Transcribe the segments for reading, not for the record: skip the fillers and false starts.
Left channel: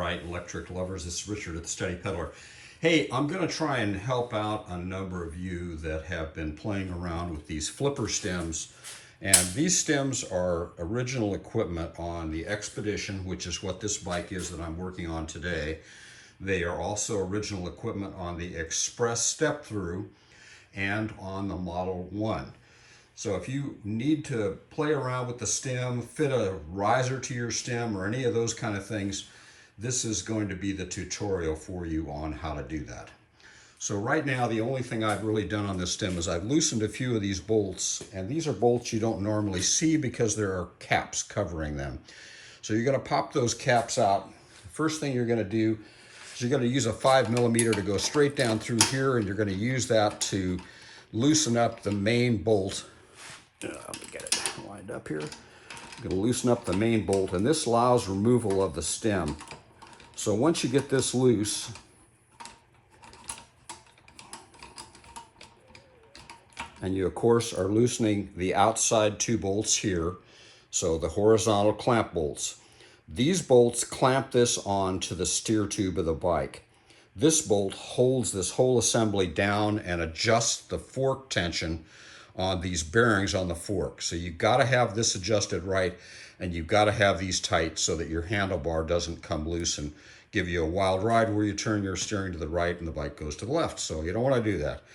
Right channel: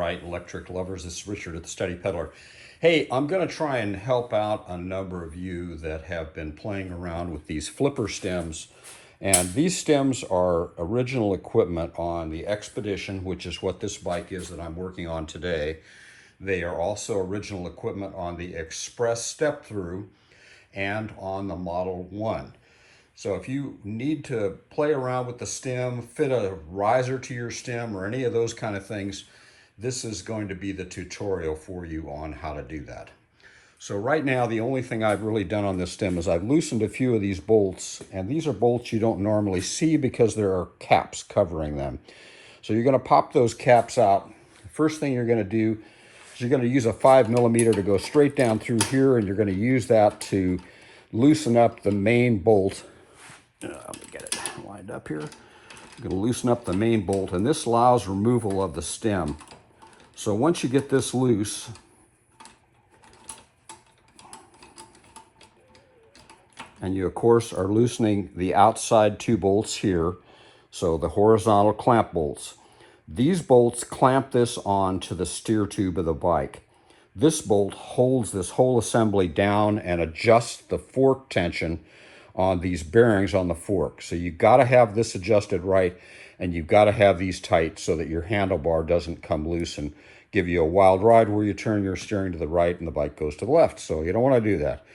right, electric lovers. This is Richard at the Steady Peddler. Hey, I'm going to try and help out a number of you that have been playing around with these flipper stems. And these stems are original equipment on the XPedition, which is what this bike is that I'm working on today. They are also original equipment on the Express step-thru and on the Model 1. So if you need to play around with the stem, fit a riser to your stem or any of those kind of things, this is going to be the tutorial for you on how to do that. So right now, the only thing I've really done on this stem is I've loosened a few of these bolts, and these are bolts you don't normally see because there are caps covering them. So you're going to pop those caps out. First thing you're going to do is you're going to use a 5mm to go straight down through here, and you're going to use that to loosen up the main bolt. Let me get it lined up here. I'm going to loosen up the main bolt, and this allows removal of the stem. So once you get this loose, and you of course are loosening the outside two bolts here, so the horizontal clamp bolts. These bolts clamp this on to the steer tube of the bike. This bolt holds this whole assembly down and adjusts the fork tension on these bearings on the fork. So you've got to have this adjusted right, and you've got to have these tight so that your handlebar doesn't come loose and give you a wild ride where you turn your steering to the right and the bike goes to the left. So you don't want to do that.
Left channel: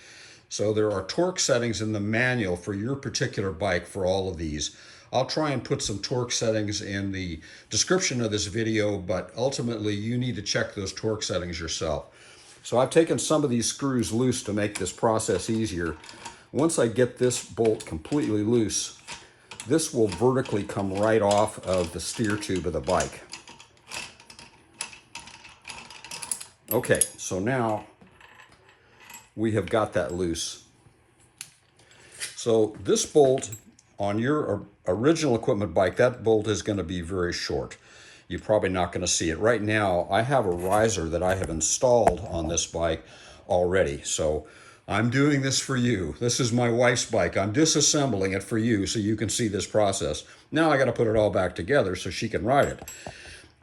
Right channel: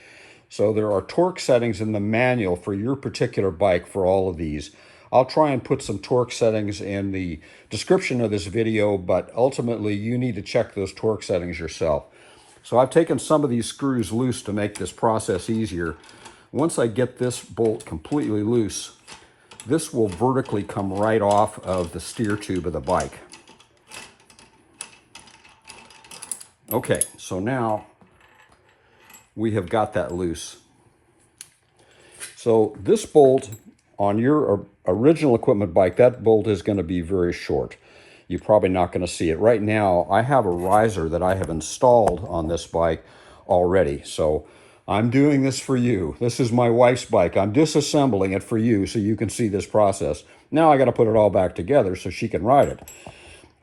So there are torque settings in the manual for your particular bike for all of these. I'll try and put some torque settings in the description of this video, but ultimately you need to check those torque settings yourself. So I've taken some of these screws loose to make this process easier. Once I get this bolt completely loose, this will vertically come right off of the steer tube of the bike. Okay, so now we have got that loose. So this bolt on your original equipment bike, that bolt is going to be very short. You're probably not going to see it. Right now, I have a riser that I have installed on this bike already. So I'm doing this for you. This is my wife's bike. I'm disassembling it for you so you can see this process. Now I got to put it all back together so she can ride it.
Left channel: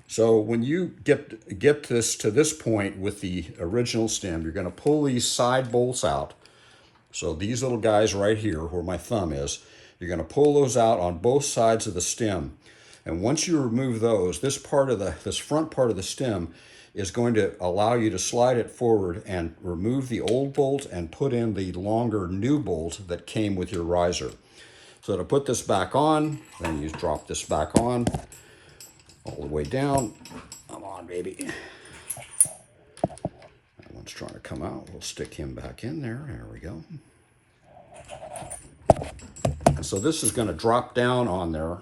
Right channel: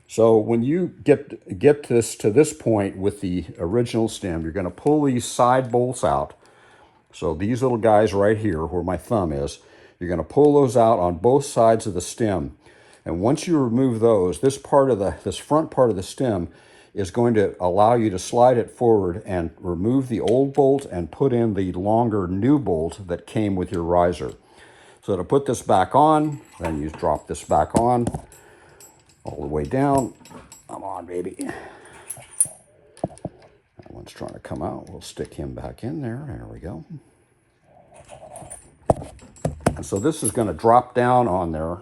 So when you get this to this point with the original stem, you're going to pull these side bolts out. So these little guys right here where my thumb is, you're going to pull those out on both sides of the stem. And once you remove those, this front part of the stem is going to allow you to slide it forward and remove the old bolt and put in the longer new bolt that came with your riser. So to put this back on, then you drop this back on all the way down. Come on, baby. That one's trying to come out. We'll stick him back in there. There we go. And so this is going to drop down on there.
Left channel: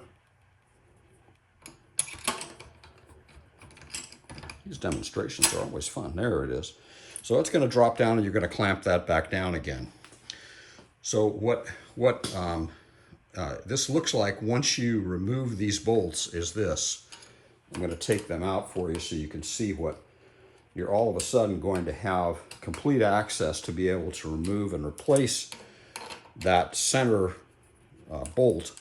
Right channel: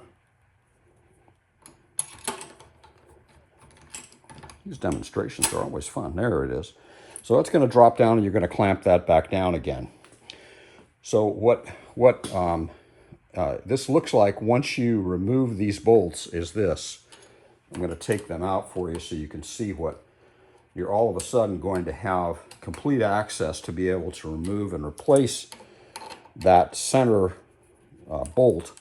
These demonstrations are always fun. There it is. So it's going to drop down, and you're going to clamp that back down again. So what this looks like once you remove these bolts is this. I'm going to take them out for you so you can see what you're all of a sudden going to have complete access to be able to remove and replace that center bolt.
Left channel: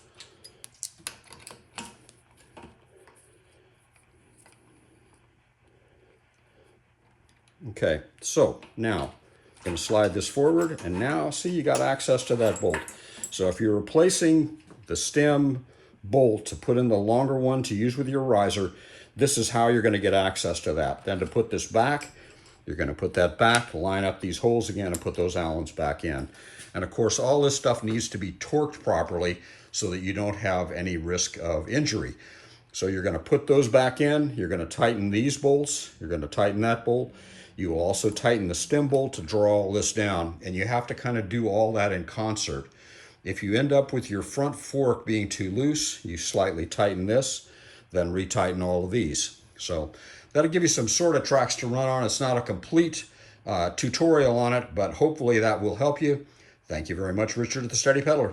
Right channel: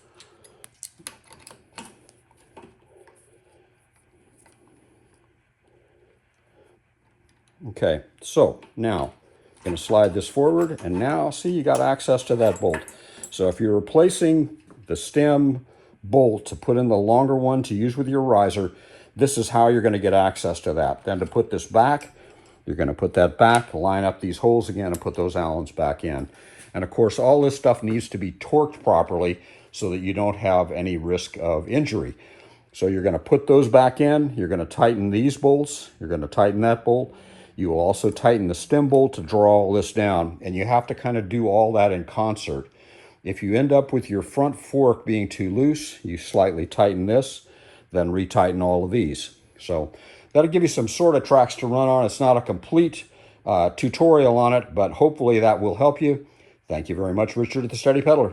Okay, so now I'm going to slide this forward, and now see you got access to that bolt. So if you're replacing the stem bolt to put in the longer one to use with your riser, this is how you're going to get access to that. Then to put this back, you're going to put that back, line up these holes again, and put those Allens back in. And of course, all this stuff needs to be torqued properly so that you don't have any risk of injury. So you're going to put those back in, you're going to tighten these bolts, you're going to tighten that bolt. You will also tighten the stem bolt to draw all this down, and you have to kind of do all that in concert. If you end up with your front fork being too loose, you slightly tighten this, then retighten all of these. So that'll give you some sort of tracks to run on. It's not a complete tutorial on it, but hopefully that will help you. Thank you very much, Richard at the Steady Peddler.